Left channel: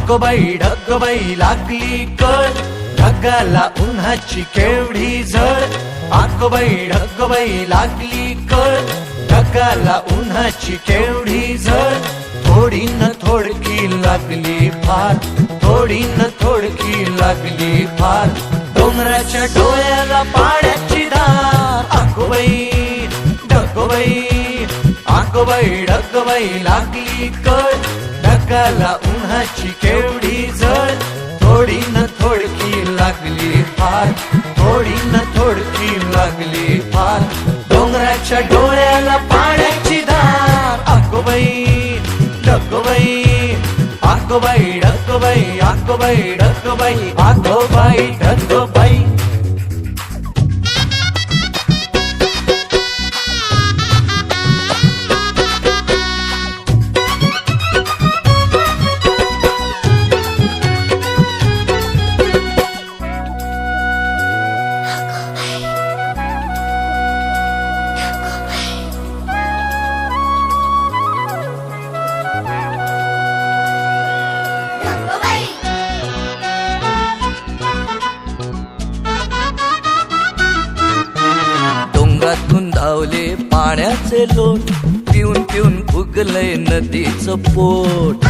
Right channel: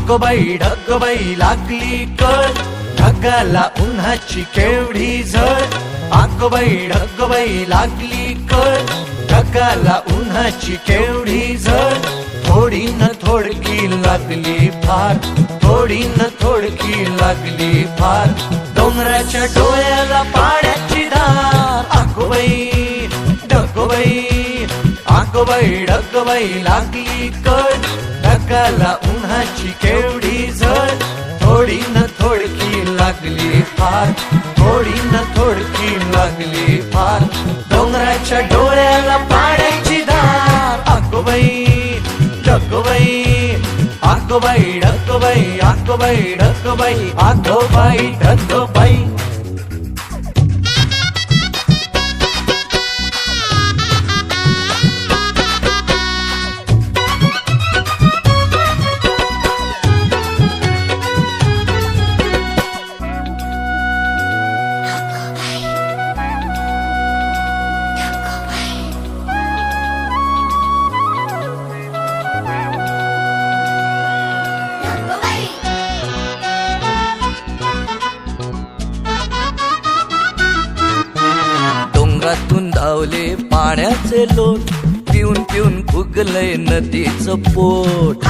आगोबाई ढगबाई लागली कळ, ढगाला उन्हाची केवढी झळ. आगोबाई ढगबाई लागली कळ, ढगाला उन्हाची केवढी झळ. थोडी न थोडकी लागली फार, थोडी न थोडकी लागली फार. डोंगराच्या डोळ्याला पाण्याची धार. आगोबाई ढगबाई, आगोबाई ढगबाई लागली कळ, ढगाला उन्हाची केवढी झळ. थोडी न थोडकी लागली फार, थोडी न थोडकी लागली फार. डोंगराच्या डोळ्याला पाण्याची धार. आगोबाई ढगबाई, आगोबाई ढगबाई, आगोबाई ढगबाई, आगोबाई ढगबाई. डोंगरातून धावले पाण्याचे लोट, पिऊन पिऊन फुगलंय नदीचं पोट.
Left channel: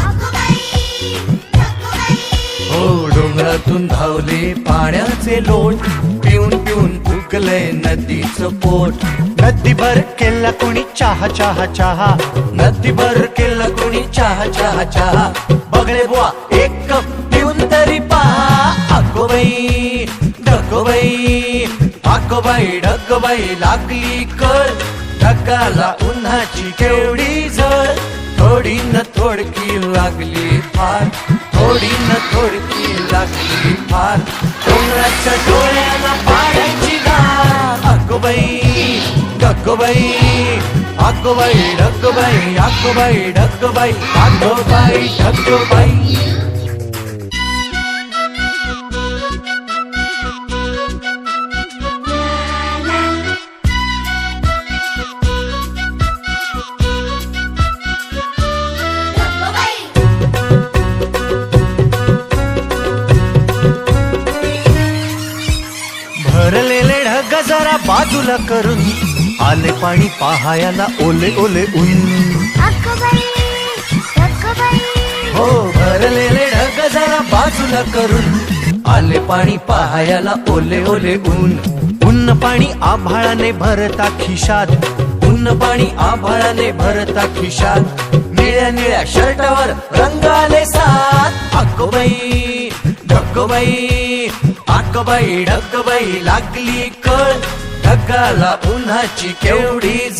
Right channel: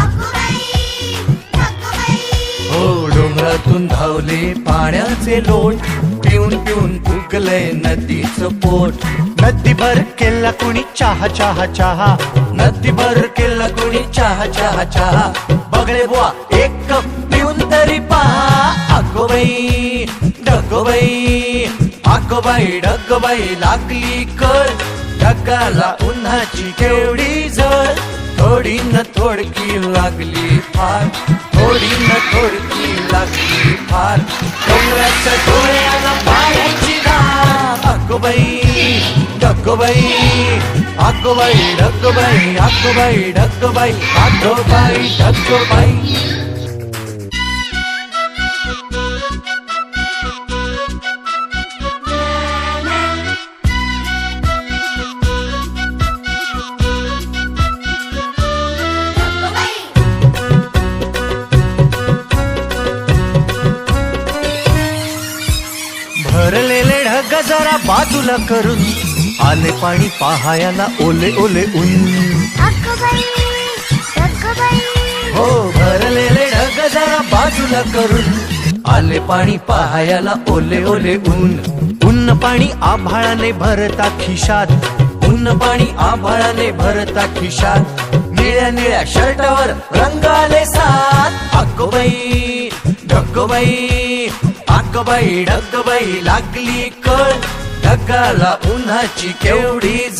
हो डोंगरातून धावले पाण्याचे लोट, पिऊन पिऊन फुगलंय नदीचं पोट. नदीभर केला कुणी चहा चहा चहा, नदीभर केला कुणी चहा चहा चहा. बगळे बुवा एक कप पिऊन तरी पहा. आगोबाई ढगबाई, आगोबाई ढगबाई लागली कळ, ढगाला उन्हाची केवढी झळ. थोडी न थोडकी लागली फार, थोडी न थोडकी लागली फार. डोंगराच्या डोळ्याला पाण्याची धार. आगोबाई ढगबाई, आगोबाई ढगबाई, आगोबाई ढगबाई, आगोबाई ढगबाई. भरलेले ढग जरा बाजूला करून, आले पाणी पहायला ओले ओले ऊन. हो भरलेले ढग जरा बाजूला करून, आले पाणी पहायला ओले ओले ऊन. ऊन पाणी आभाळाने भरता खिशात, ऊन पाणी आभाळाने भरता खिशात. निळ्या निळ्या शर्टावर रंग आले सात. आगोबाई ढगबाई, आगोबाई ढगबाई लागली कळ, ढगाला उन्हाची केवढी